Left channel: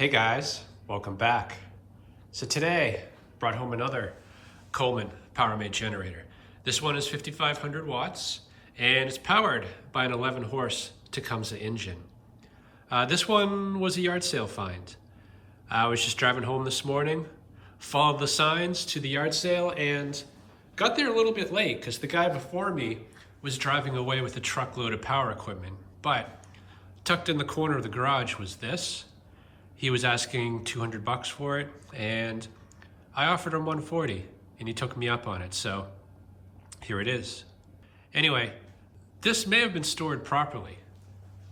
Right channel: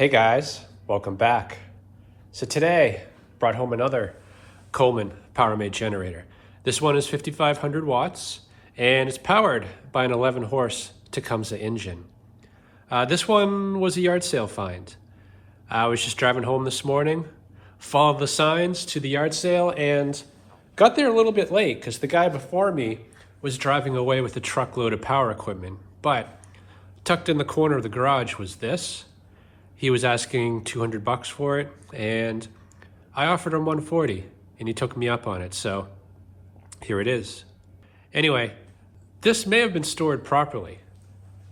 Hey guys, welcome back. So today, brought home another Coleman Powermate generator. This one is 5,500 watts and it's powered by an 11 horse Tecumseh engine. This one was a yard sale find. I was just driving home this morning, followed the signs to the yard sale and got there a little bit late because the guy before me was driving away with a truckload of power equipment. But tucked in the corner of the garage was this. He was asking 200 bucks for it, and I offered him 140, and he took me up on it, so here it is. Anyway, this may have been stored properly.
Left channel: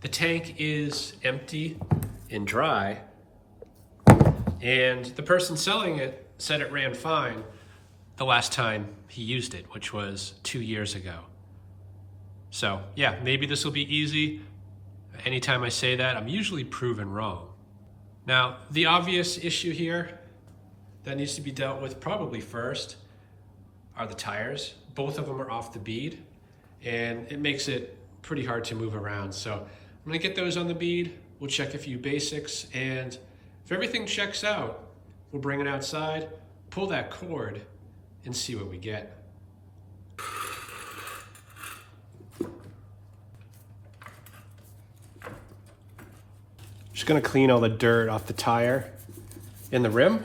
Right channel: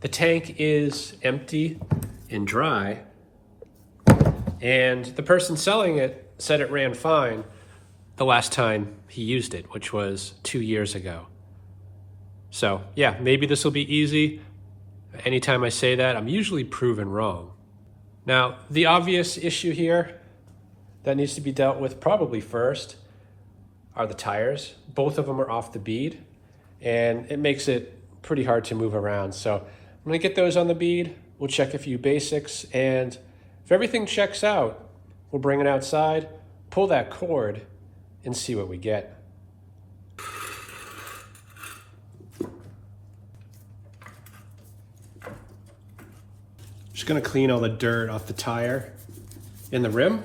The tank is empty and dry, and the person selling it said it ran fine the last time he used it, which was 2 years ago. So yeah, maybe this will be easy. Anytime I say that, I'm usually proven wrong. Now, the obvious issue here that needs to be dealt with probably first are the tires. Both of them are off the bead, and it makes it pretty hard to move around. So I'm gonna get those on the bead. We'll check a few basics, and if everything checks out, we'll bring it outside, pull that cord, and see what we get. Just gonna clean all the dirt off the tire in the rim.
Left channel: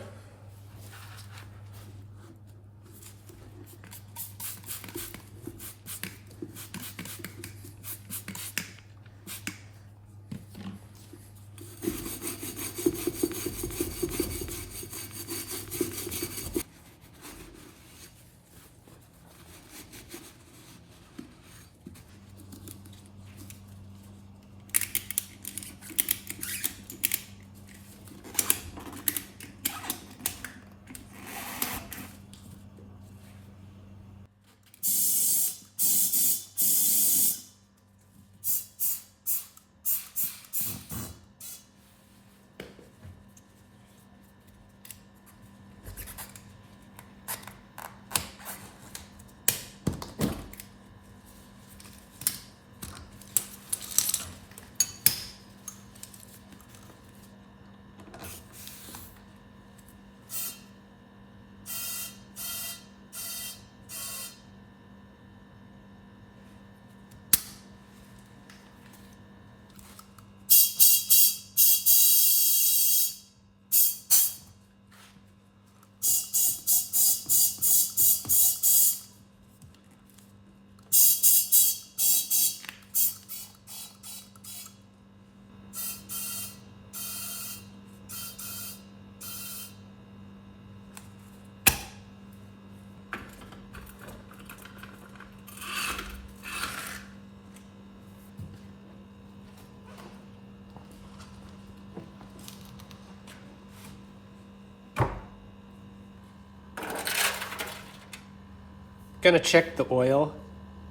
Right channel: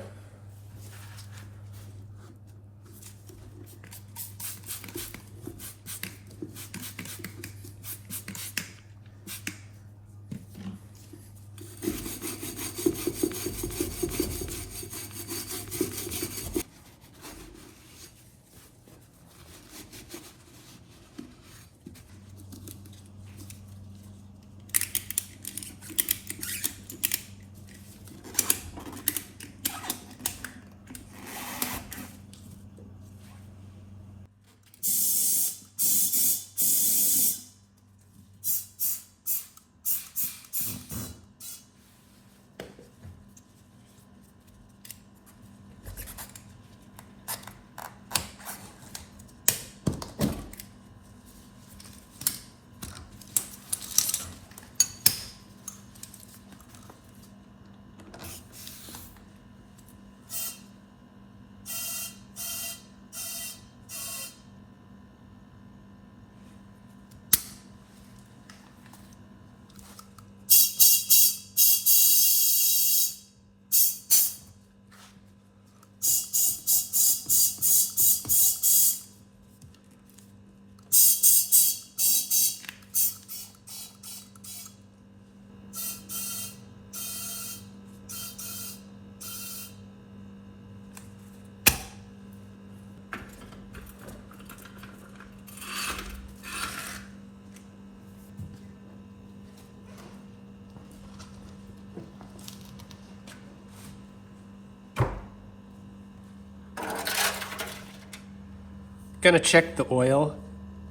Gonna check the oil.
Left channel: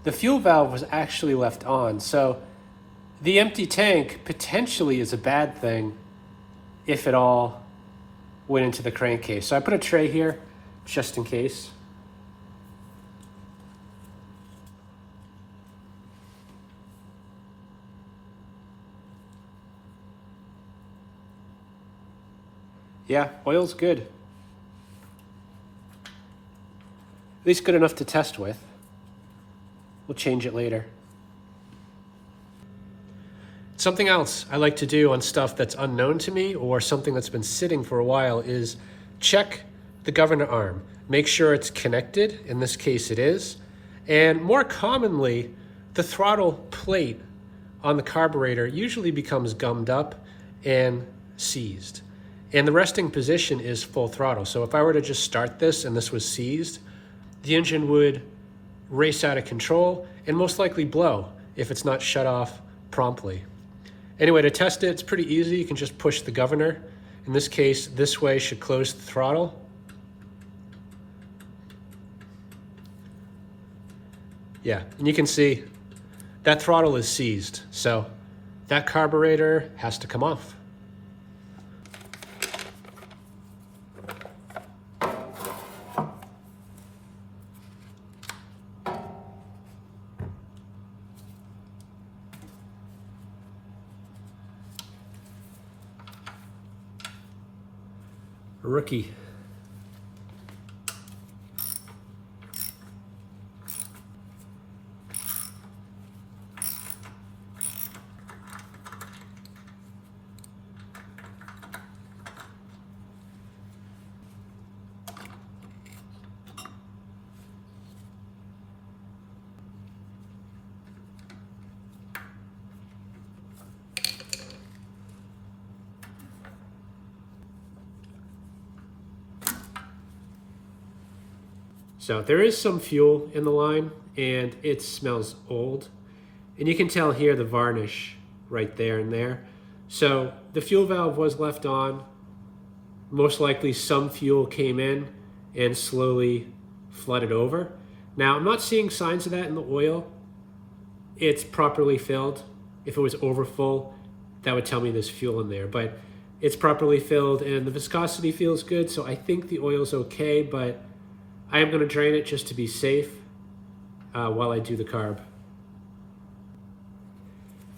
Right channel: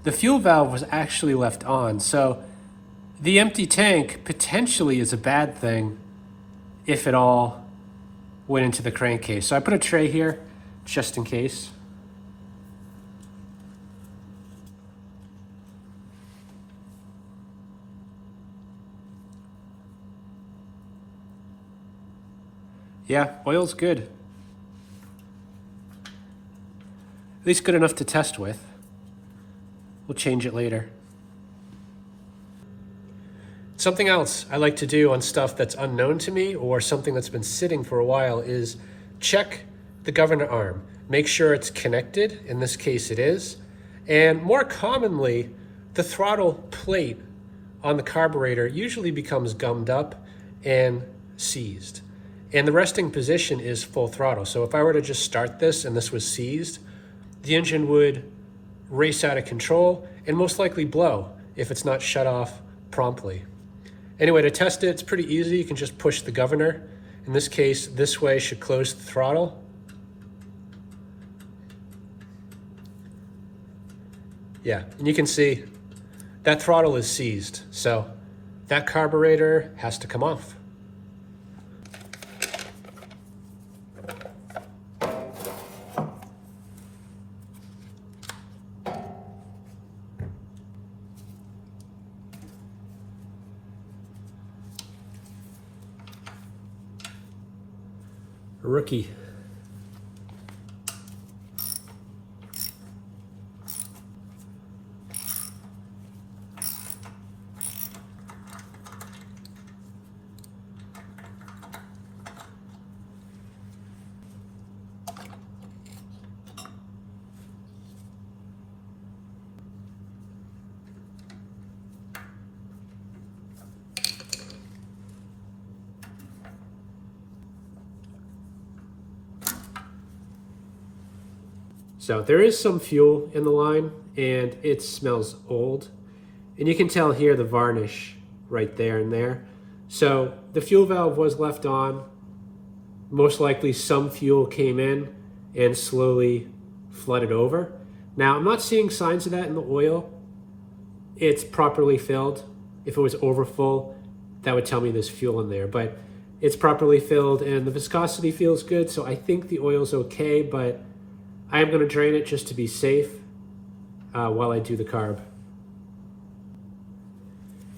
The fuel valve was actually left on, so the empty tank potentially is a bad thing if it all went into the crankcase. So I put a tray here just in case. Yeah, oil's good. At least good enough to test with. We'll change it later. Something else I like to do on stuff that's unknown to me or something that's been sitting for a while is check the governor arm. Make sure it's connected, in this case it is, and more commonly, the throttle plate on the carburetor usually becomes gummed up and seized. And the resting position is full throttle. So if I were to just start this and this was seized, the engine would race out of control and most likely blow if it's not shut off promptly. Anyway, to test it, it's pretty easy. You can just push the governor. In this case, this way should close the throttle. Yeah, and you can see that throttle is seized. So that carburetor has to come off. A rookie. So there is some fuel in the line and it smells old. And you can tell here the varnish right there and there. So the fuel valve was left on. Most likely some fuel came in and slowly flooded over. Now I'm not seeing signs of that in the oil. It's properly filled. If it was overfull, that would tell me there's fuel in there, but it's properly filled and the viscosity feels good. So I think the oil's okay, but I am going to drain it just to be safe while I do the carb.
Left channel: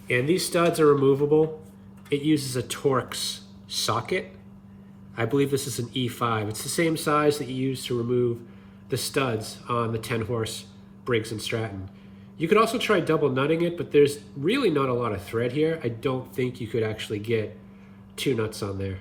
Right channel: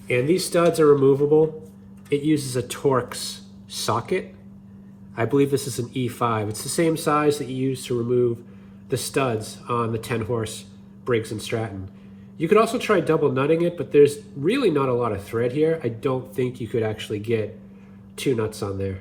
And these studs are removable. It uses a Torx socket. I believe this is an E5. It's the same size that you use to remove the studs on the 10-horse Briggs & Stratton. You could also try double nutting it, but there's really not a lot of thread here. I don't think you could actually get 2 nuts on there.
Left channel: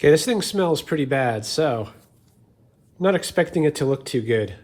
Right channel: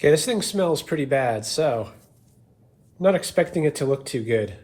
Okay, this thing smells pretty bad, so I'm not expecting it to look too good.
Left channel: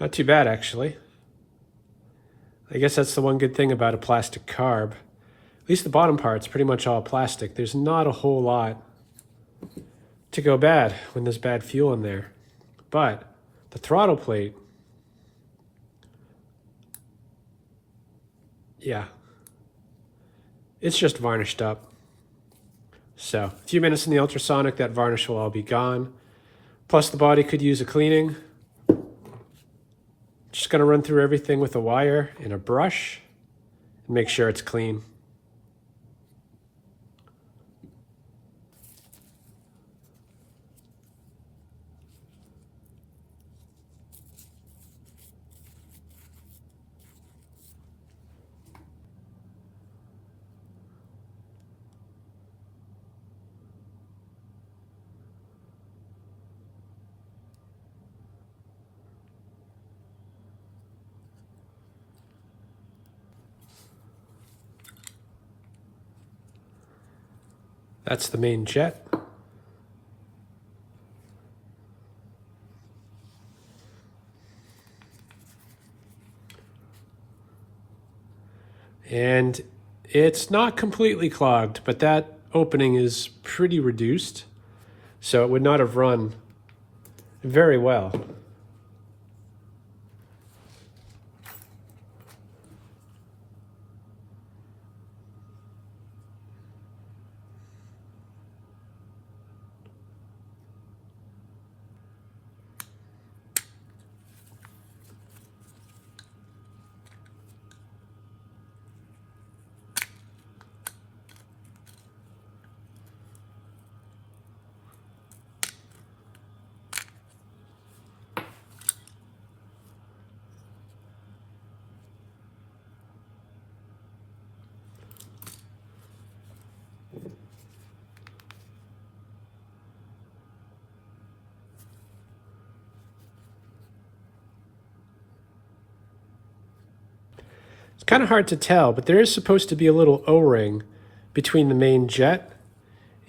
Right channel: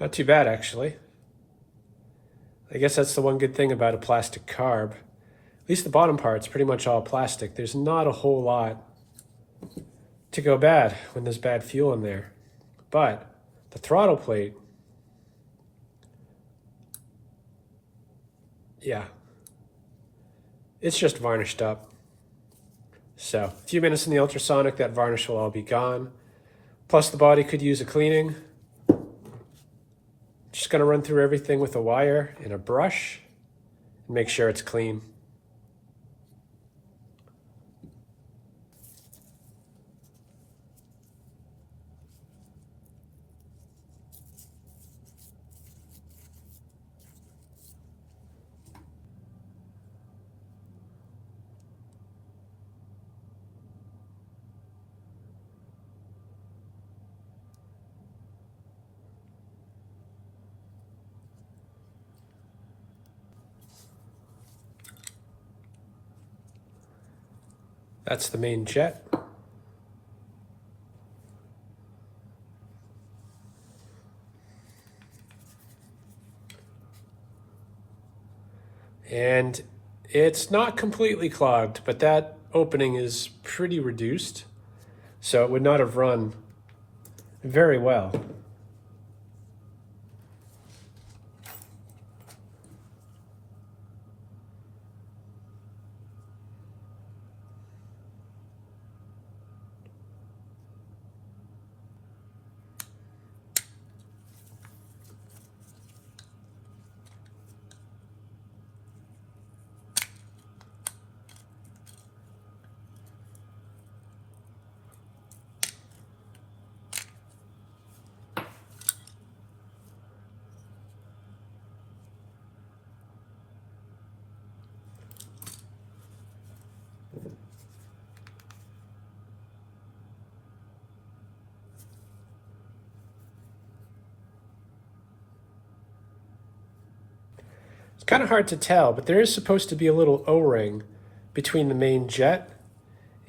Not too bad, actually. I guess that's the one good thing about a plastic carb. At least the bottom part's pretty much all plastic. There's not a whole lot to go bad when there's bad fuel in there. But the throttle plate, yeah, it's just varnished up. So a few minutes in the ultrasonic, that varnish will all be gone. Plus the body could use a cleaning. Just gonna run through everything with a wire and a brush and make sure it's clean. That's the main jet. And it's not completely clogged, but that opening is pretty reduced, so it would not have run very well. It's kind of hard to tell, but there is supposed to be a little O-ring between the main jet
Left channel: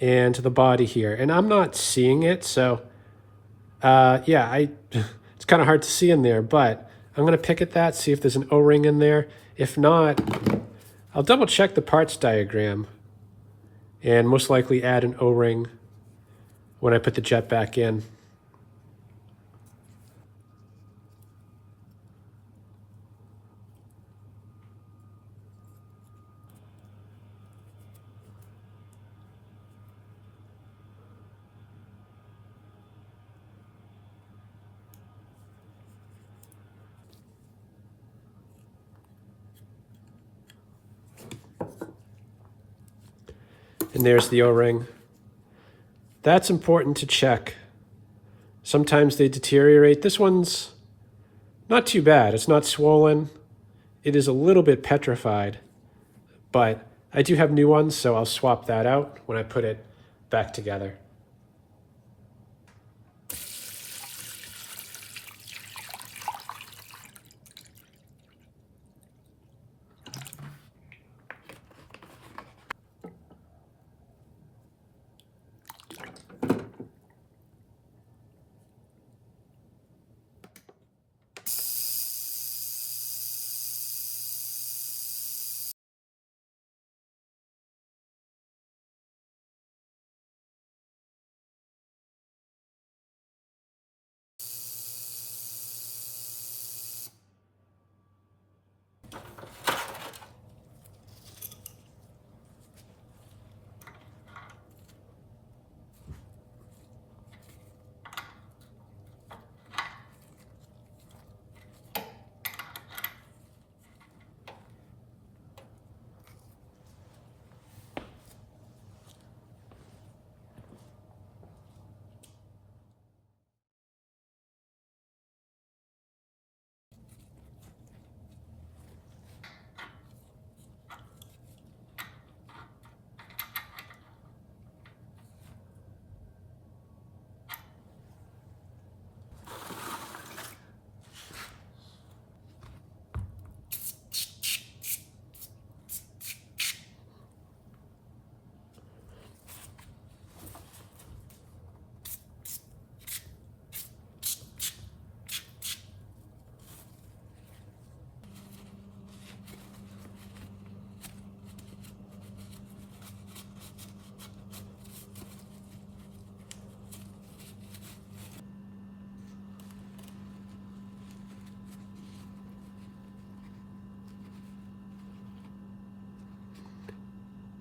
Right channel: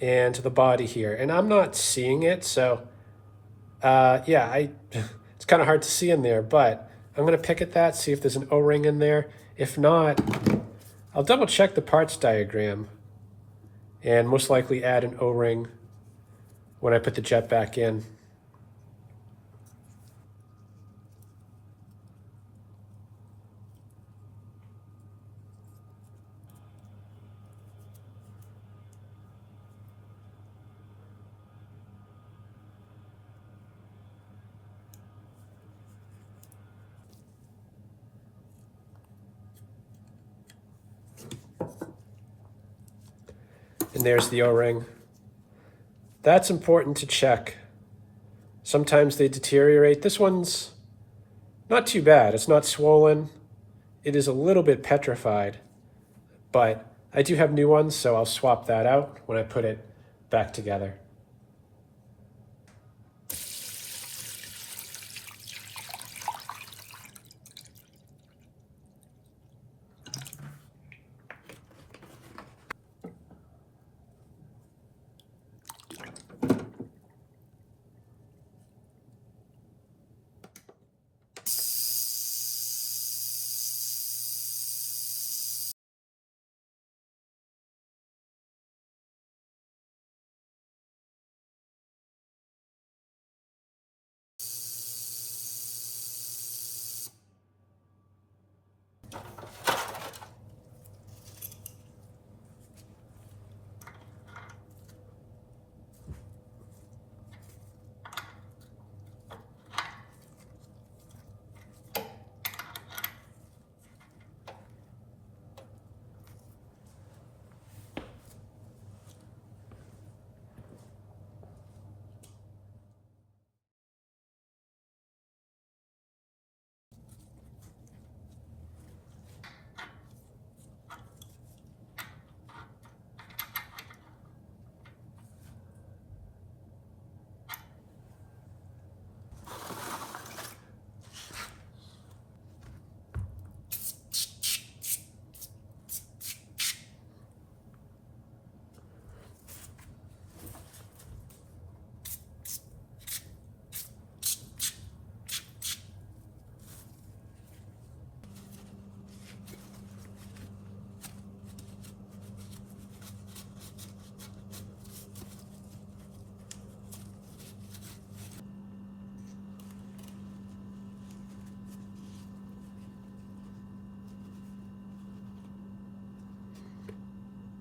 and the body here, and I'm not seeing it, so yeah, it's kind of hard to see in there, but I'm going to pick at that, see if there's an O-ring in there. If not, I'll double check the parts diagram and most likely add an O-ring when I put the jet back in. And there's the O-ring. That's important to check. Sometimes they deteriorate. This one's not too bad. It's not swollen. It is a little bit petrified, but I do have new ones, so I'll swap that out when I put it back together.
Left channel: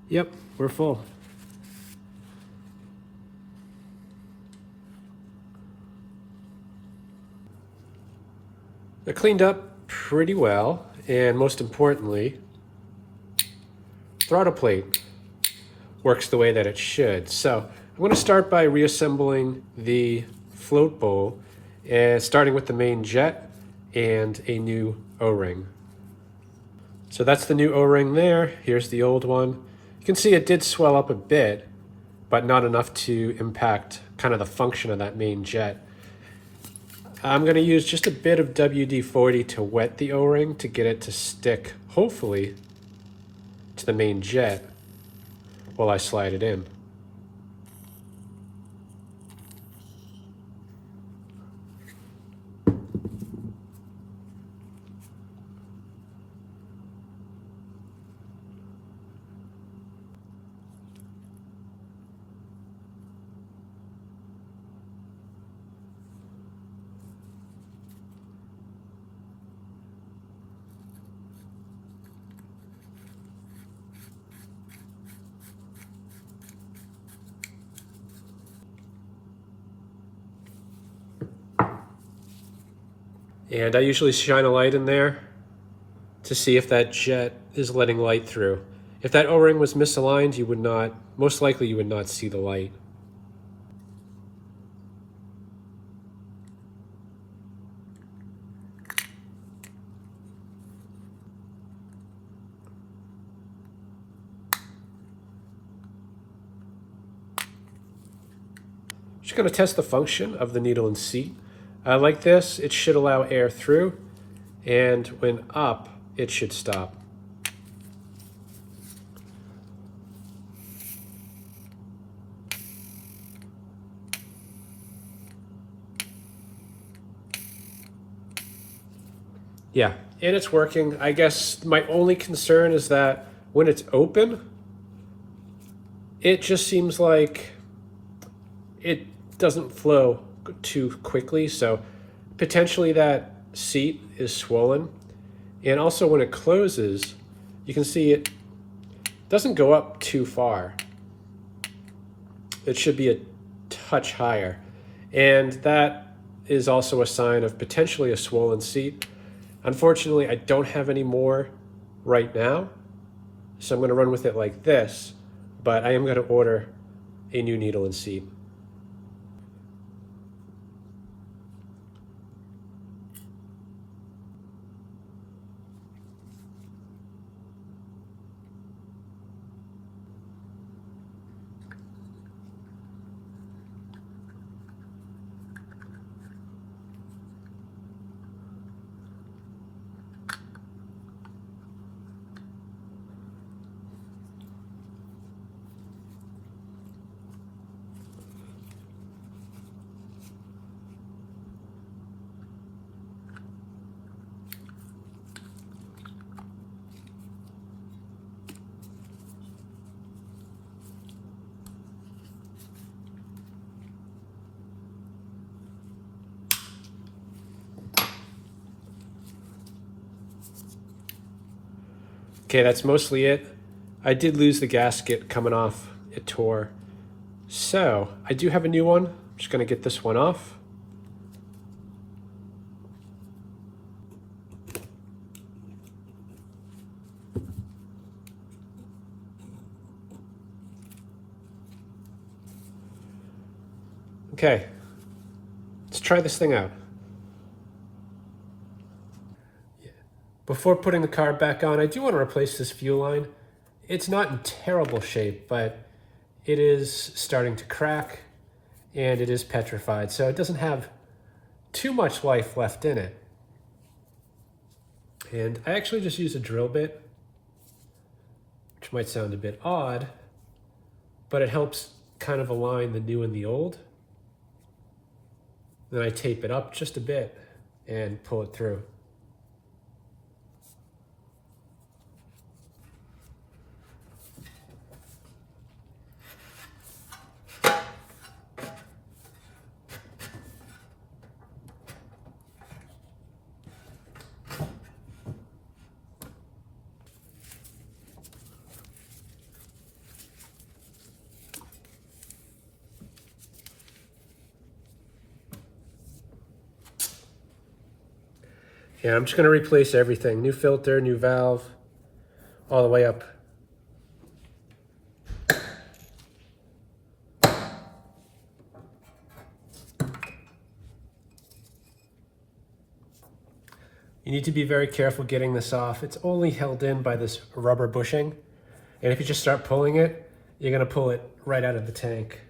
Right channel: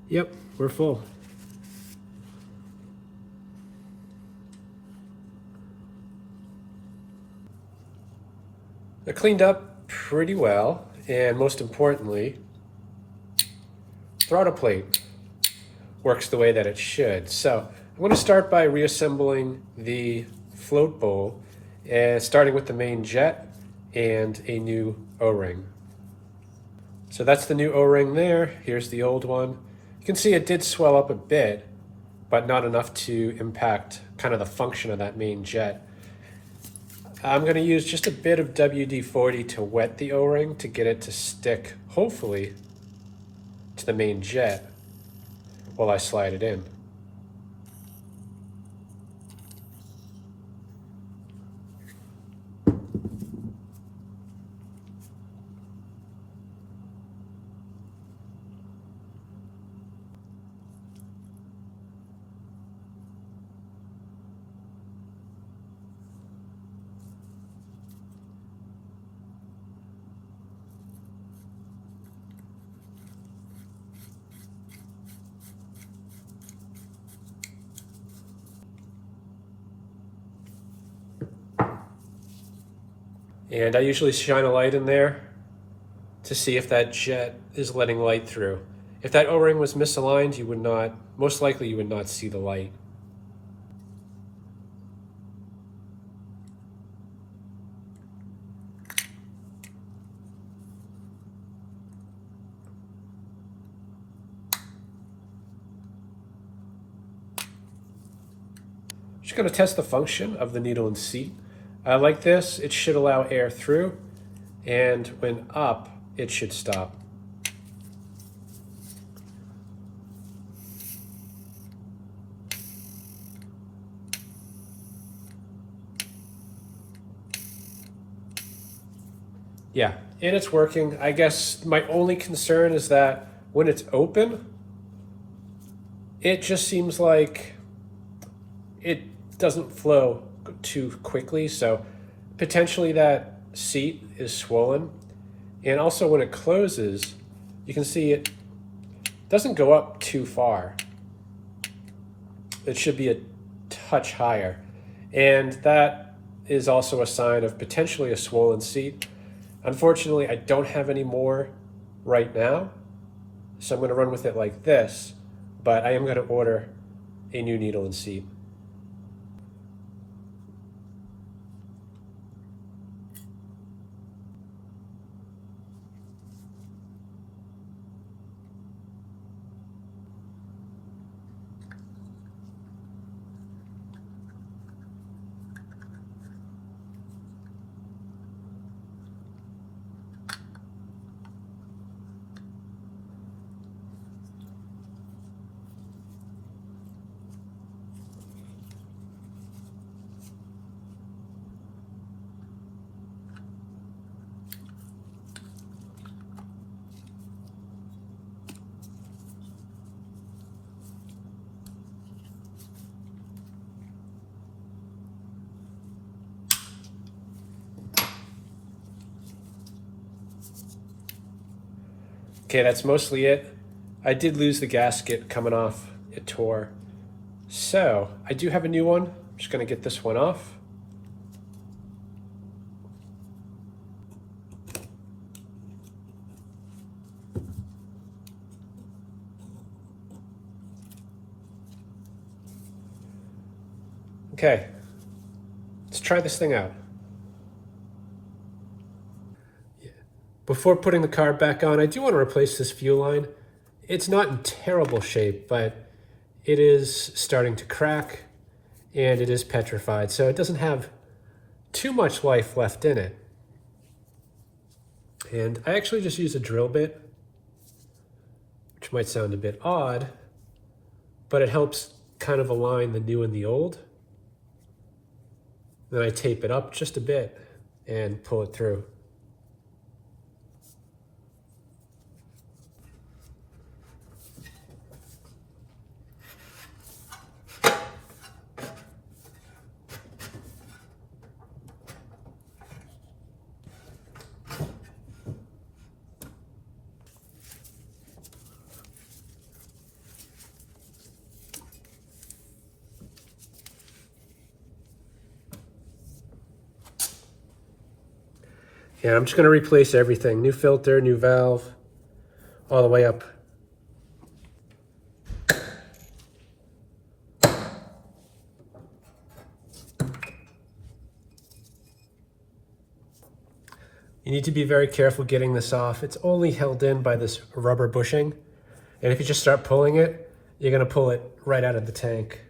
Yep, we're full. I cleaned up pretty well, and most importantly, throttle plate works the way that it should. So I'm going to start by reassembling the float bowl, and starting with the main jet and a new O-ring. So that's the new O-ring there. Here's the old one. You can see it did swell up a bit, but not enough to impact kind of the function of that main jet. I'm going to use just a bit of WD-40 to wet the O-ring to get it to stick, hopefully, to the main jet while I slide it in. And I usually shine a light in there to see if that jet is letting light through. If that O-ring was misaligned, you would not, most likely you would not see the light. Just going to test the function of the needle and seat. Like this, it should allow air through, and when up, it should stop. Yeah, and it's working. I guess my only concern is that when it's open, it just seems like it doesn't flow too quickly. So potentially that seat is swollen. And also when it closes, you can see it doesn't go up too far. It should be a touch higher. And that is also a sign of potentially a swollen seat. Unfortunately, I don't have any more right now, so I'm going to run with it like this, but I am going to order a new needle and seat. Okay, that's mostly it. I did lose the gasket coming off. It tore. So I do have a new one. I'm just going to get this one off. Okay, let's try this thing out. Before putting the car back on, I do want to replace this fuel line. It's not in terrible shape, but it is starting to crack and it is petrified, so it doesn't have too much life left in it. And I actually just use a drill bit, which might sound a bit odd, but it helps kind of align the new and the old. Then I tape it up just a bit and pull it through. Yeah, I'm just going to replace everything. New filter, new valve, all the way up. You need to be very careful getting this off. It's only held in by this rubber bushing. And if you just start pulling it, you're going to pull it right out of the tank.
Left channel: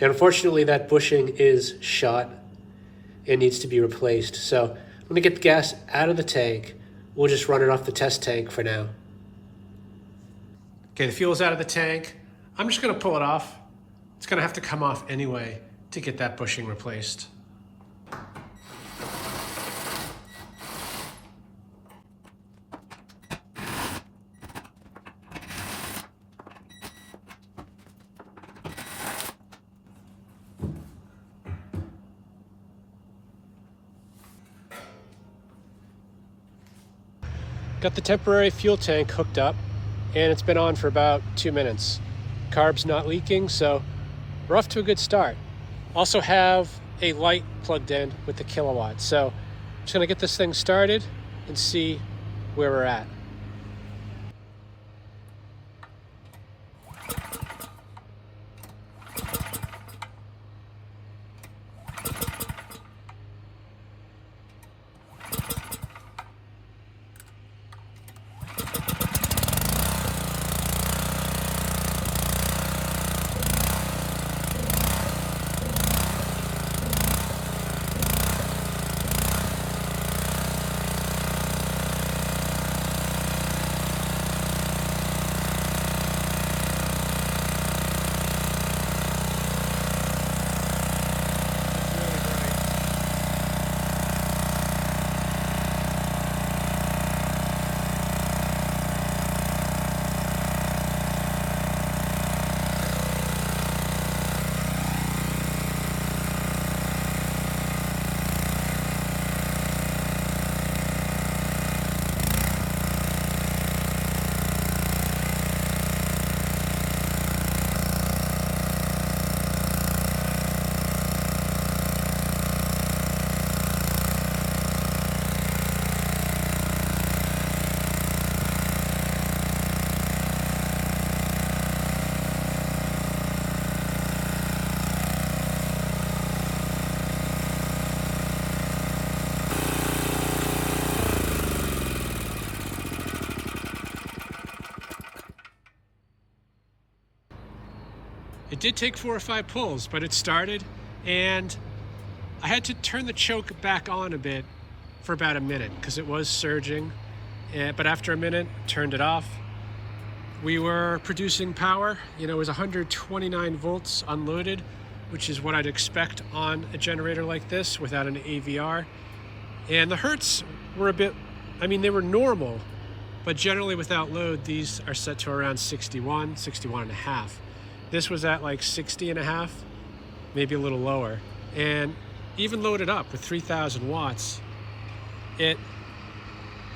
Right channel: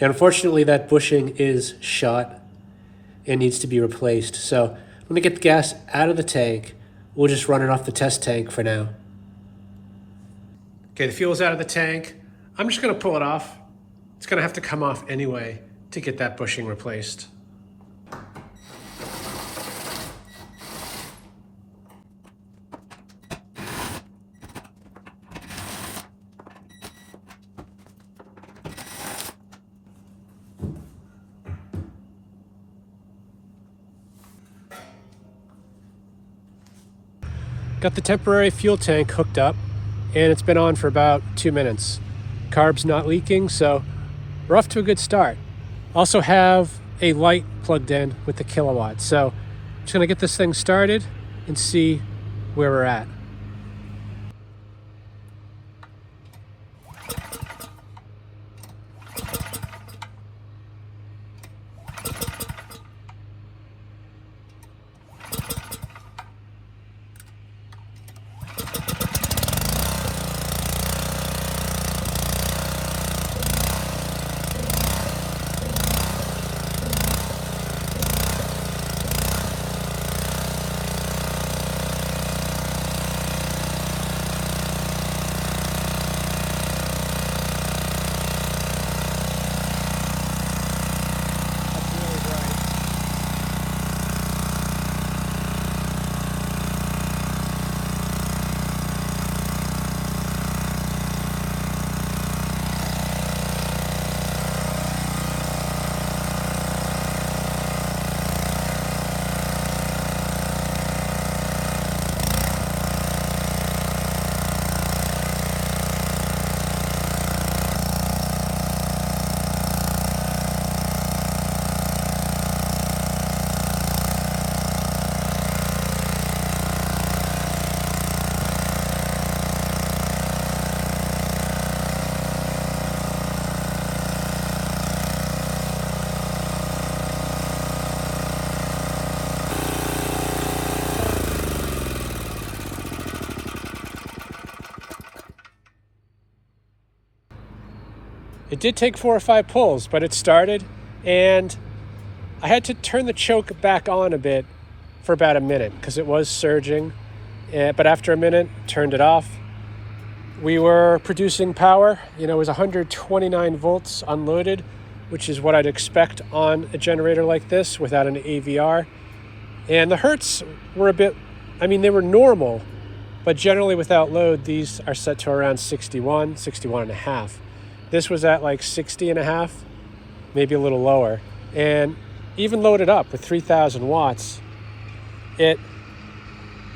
And unfortunately, that bushing is shot and needs to be replaced. So let me get the gas out of the tank. We'll just run it off the test tank for now. Okay, the fuel's out of the tank. I'm just gonna pull it off. It's gonna have to come off anyway to get that bushing replaced. Got the temporary fuel tank hooked up, and it's been on for about 2 minutes. Carb's not leaking, so we're off to a good start. Also have a light plugged in with the kilowatt. So I'm just gonna get this thing started and see where we're at. It did take 4 or 5 pulls, but it started, and I had to turn the choke back on a bit for about a minute because it was surging. But after a minute, turned it off. We were producing power. You know, it was 129 volts unloaded, which is what I'd expect on a generator like this without an AVR. And the hertz were a bit, I mean, they were normal, but generally without load, these are set to around 61, 61 and a half. This was at like 60 and a half, maybe a little lower. And even loaded up with 3,000 watts, it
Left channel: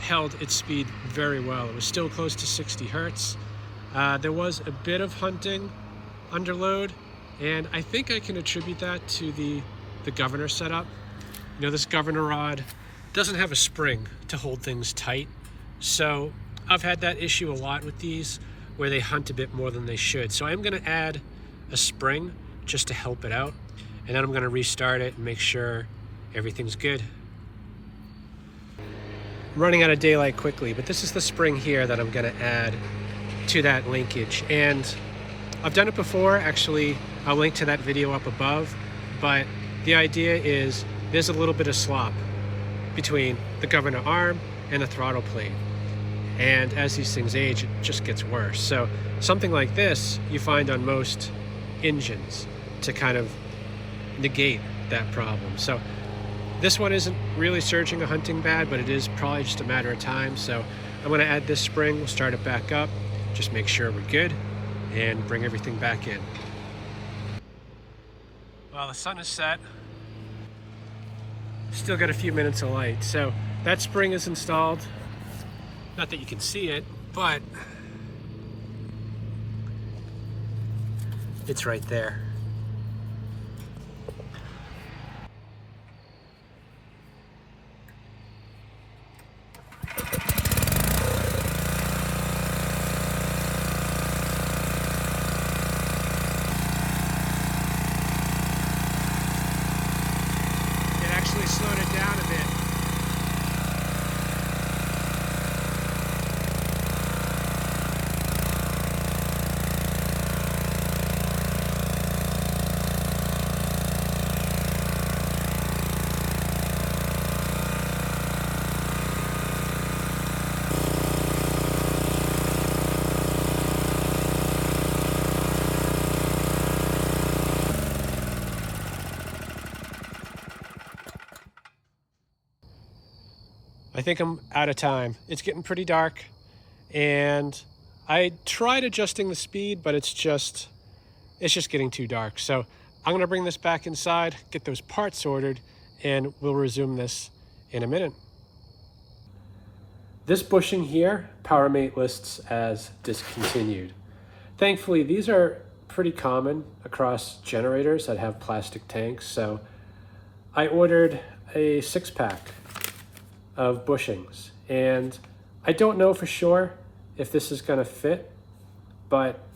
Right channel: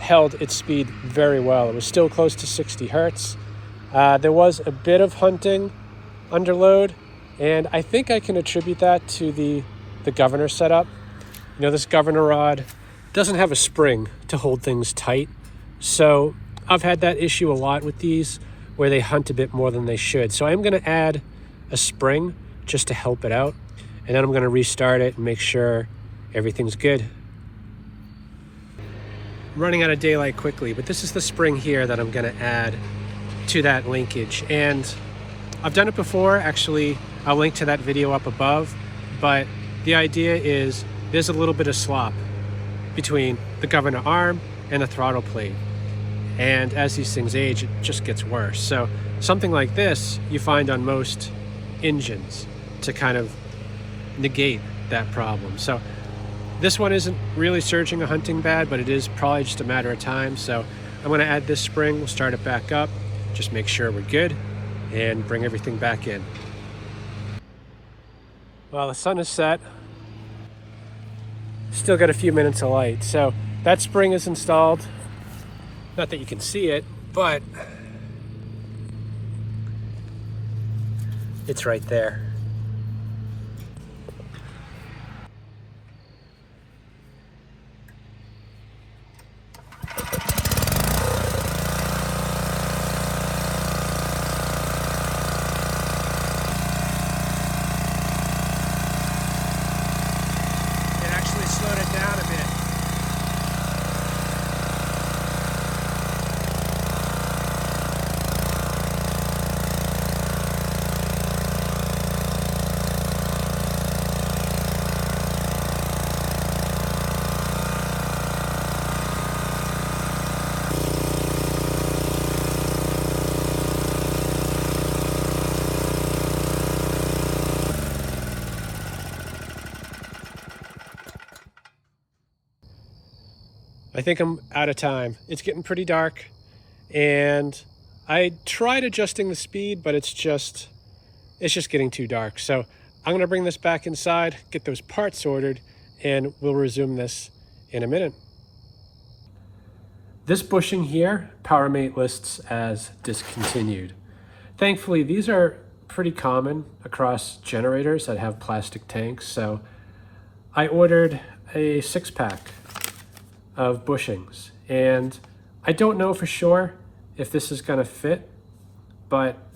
held its speed very well. It was still close to 60 hertz. There was a bit of hunting under load, and I think I can attribute that to the governor setup. You know, this governor rod doesn't have a spring to hold things tight. So I've had that issue a lot with these, where they hunt a bit more than they should. So I'm gonna add a spring just to help it out. And then I'm gonna restart it and make sure everything's good. I'm running out of daylight quickly, but this is the spring here that I'm gonna add to that linkage. And I've done it before, actually. I'll link to that video up above, but the idea is there's a little bit of slop between the governor arm and the throttle plate. And as these things age, it just gets worse. So something like this you find on most engines to kind of negate that problem. So this one isn't really surging or hunting bad, but it is probably just a matter of time. So I'm gonna add this spring, we'll start it back up, just make sure we're good and bring everything back in. Well, the sun is set. Still got a few minutes of light. So that spring is installed. Not that you can see it, but it's right there. It actually slowed it down a bit. I think I'm out of time. It's getting pretty dark, and I tried adjusting the speed, but it's just getting too dark. So I'm gonna bring this back inside, get those parts ordered, and we'll resume this in a minute. This bushing here, Powermate lists as discontinued. Thankfully, these are pretty common across generators that have plastic tanks, so I ordered a 6-pack of bushings, and I don't know for sure if this is gonna fit, but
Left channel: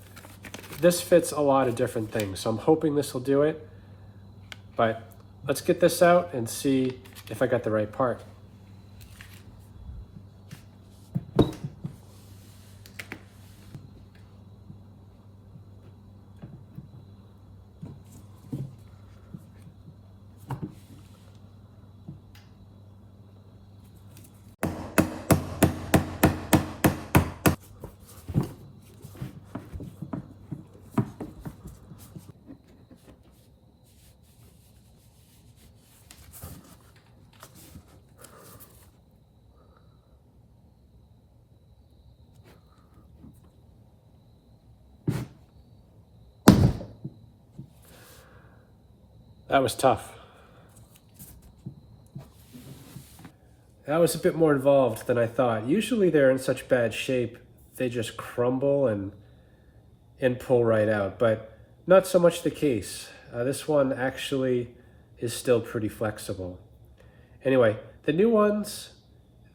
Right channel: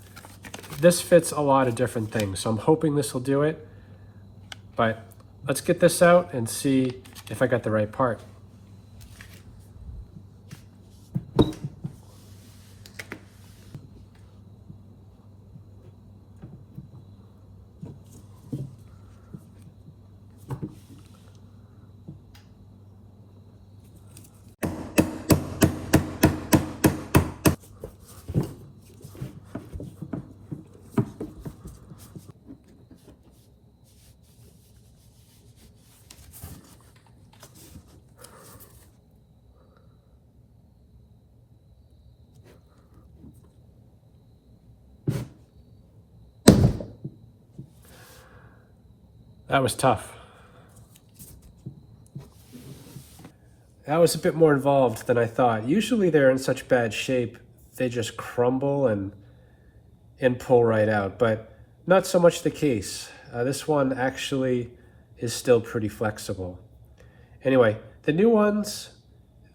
this fits a lot of different things, so I'm hoping this will do it. But let's get this out and see if I got the right part. That was tough. That was a bit more involved than I thought. Usually they're in such bad shape, they just crumble and pull right out, but not so much the case. This one actually is still pretty flexible. Anyway, the new ones,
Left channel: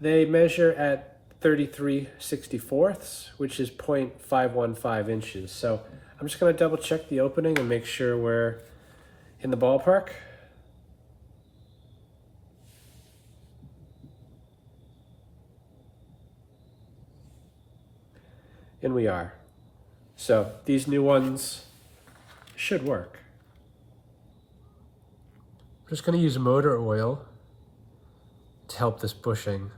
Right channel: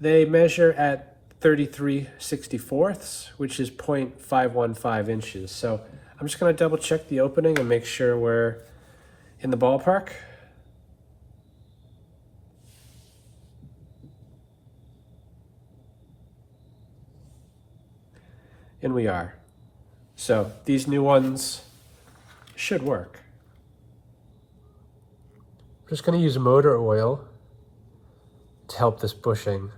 they measure at 33/64, which is 0.515 inches. So I'm just gonna double check the opening and make sure we're in the ballpark. And we are. So these new ones should work. I'm just going to use motor oil to help this bushing.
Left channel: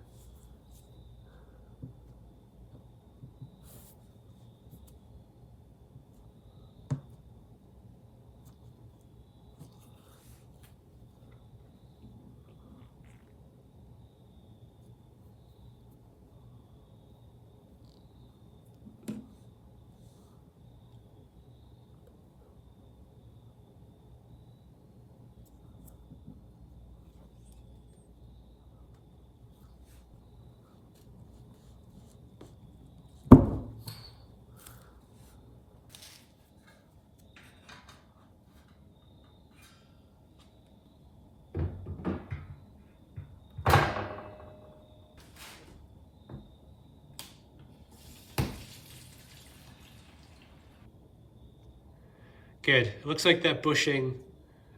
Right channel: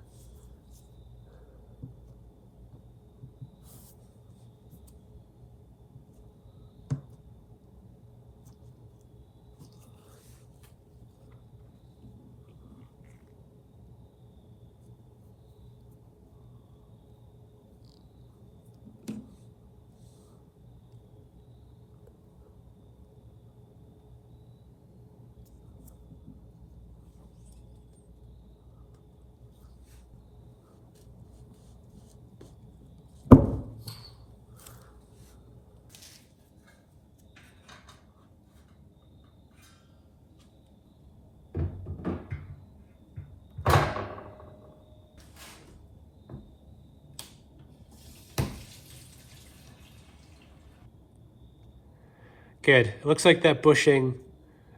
Good. It looks like that bushing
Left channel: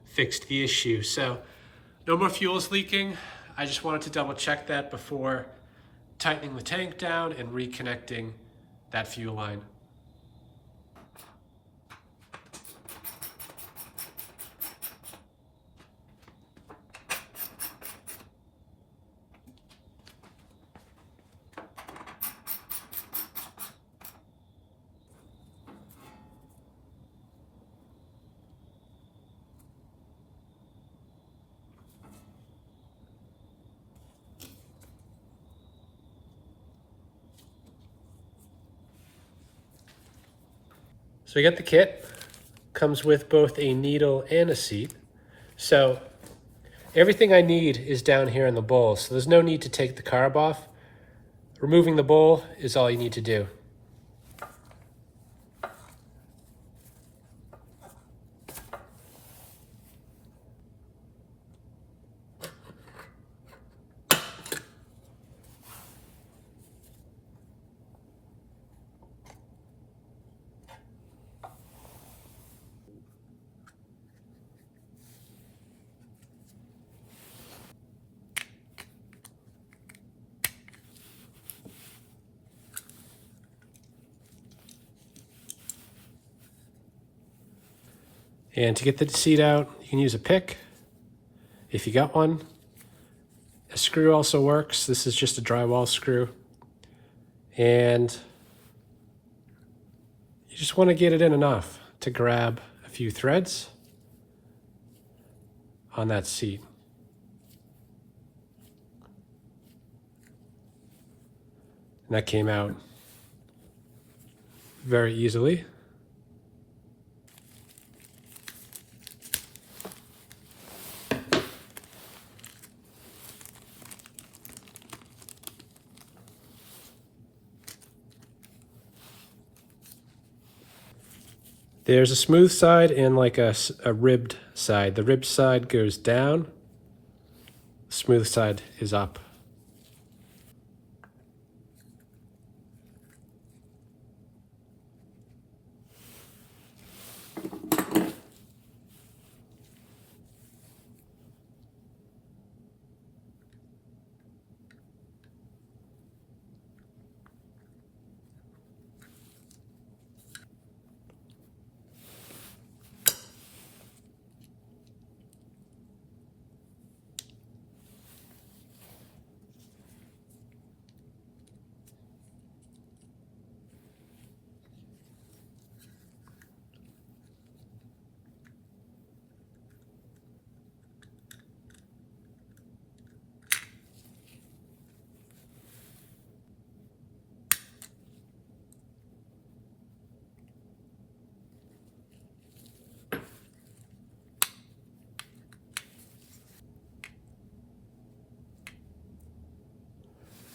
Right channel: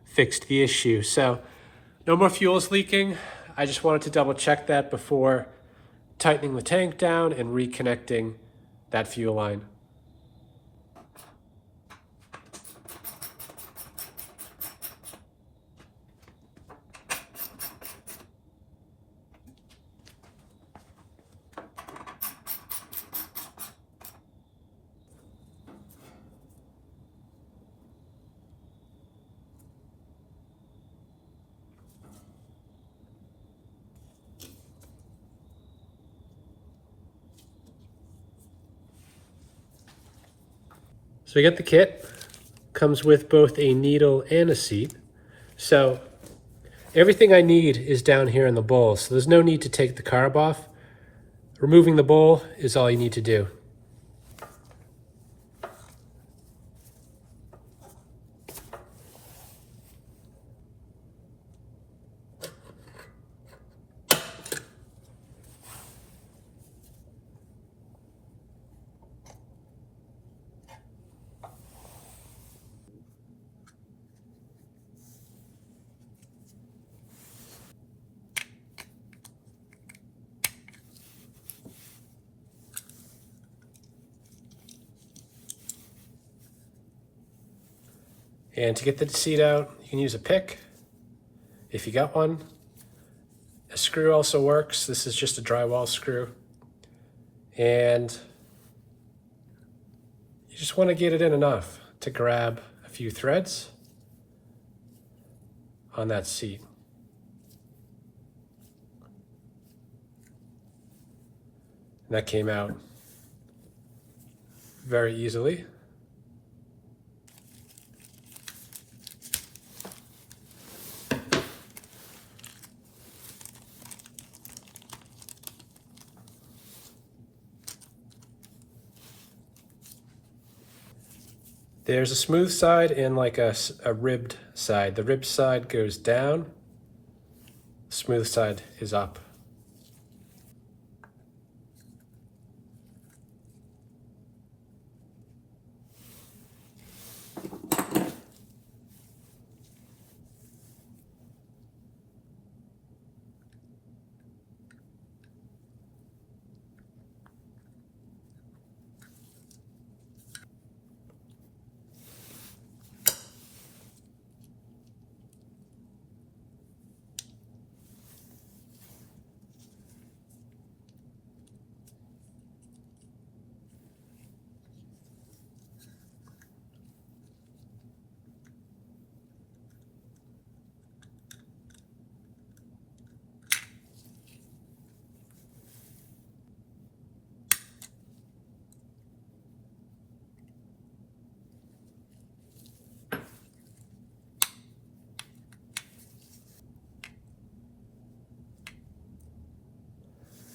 fixed the issue. So no more fuel is leaking. I just wanted to double check that before tightening the tank down and reconnecting that fuel line. So we got the kit, comes with both a needle and a seat. So everything I need is down here in the bowl, so there's no need to take the carb off. Removing the bowl is all you need to do. And to get the seat out, you can use a pick if you got one. A screw also works. This is just a drywall screw. And you just want to get it in enough to grab a few threads on that seat. And that came out very easily. There's a smooth side and like a ribbed side. The ribbed side goes down, the smooth side is up.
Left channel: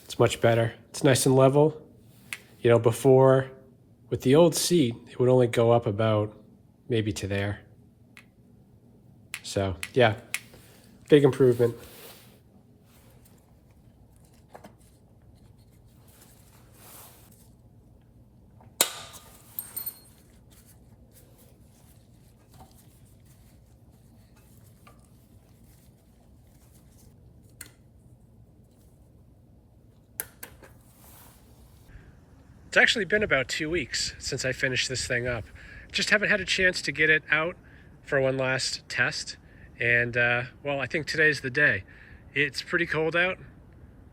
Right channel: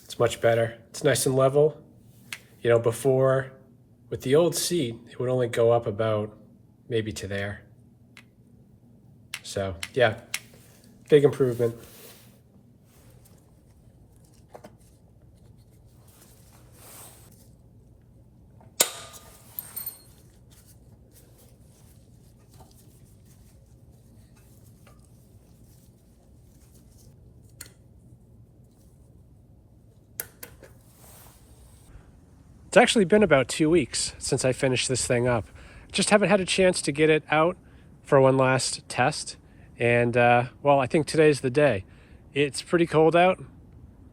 It's much better. It's nice and level. You know, before, with the old seat, it would only go up about maybe to there. So, yeah, big improvement. It's actually been about 2 weeks since I finished this thing up. Just haven't had a chance to get it out for one last test. And well, I think today's the day. It's pretty cold out,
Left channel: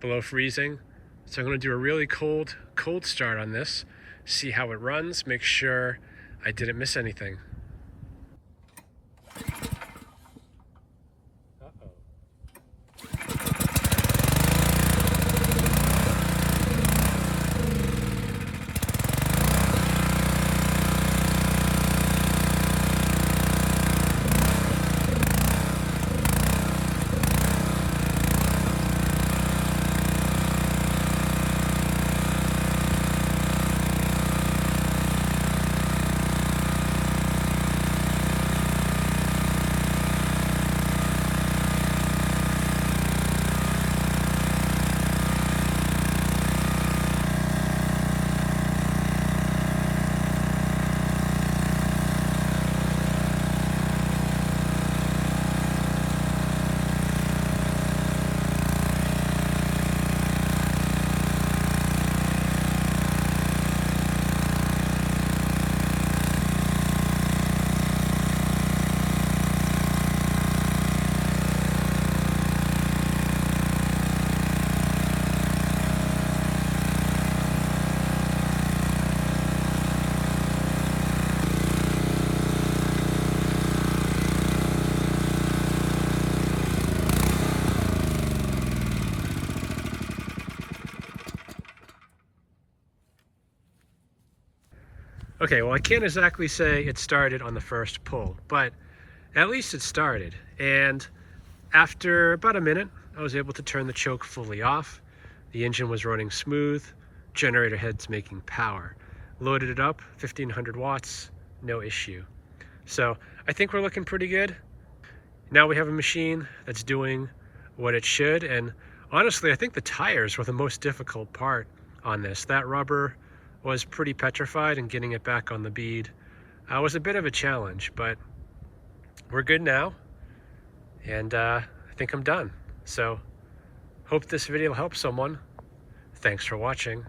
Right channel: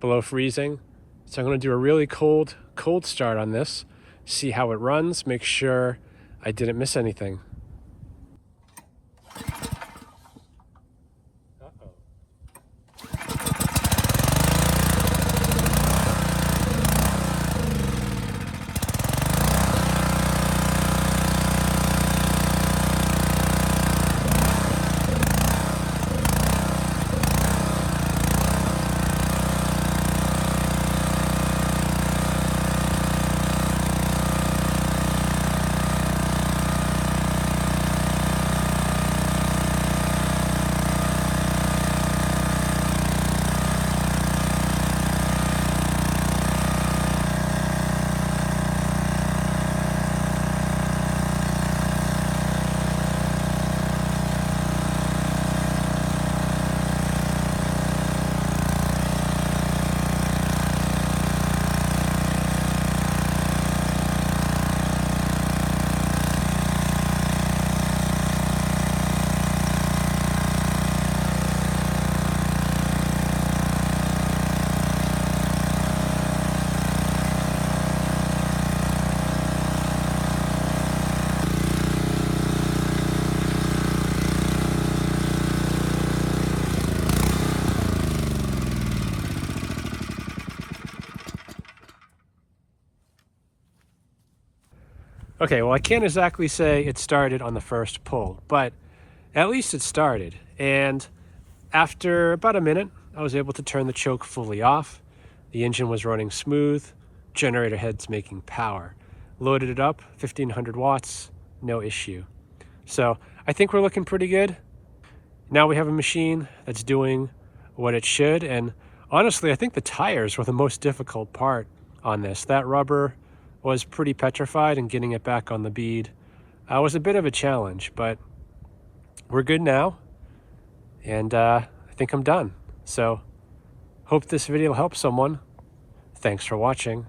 below freezing. So I'm gonna do a really cold start on this, see how it runs, make sure I didn't miss anything. Okay, well, I can't exactly say it started on the first pull, but at least it started. And after about a minute, I was able to turn the choke fully off. The engine was running smooth, generator head's making power. Loaded it up, 1500 watts, no issue. So I think we're looking pretty good. Now we have a machine that's doing what it should. And honestly, I think the tires were the most difficult part on this. That rubber was pretty petrified, and getting it back on the bead was a bit of a challenge, but we're good now. And I think I'm done. So hope this video helps someone. Thanks for watching.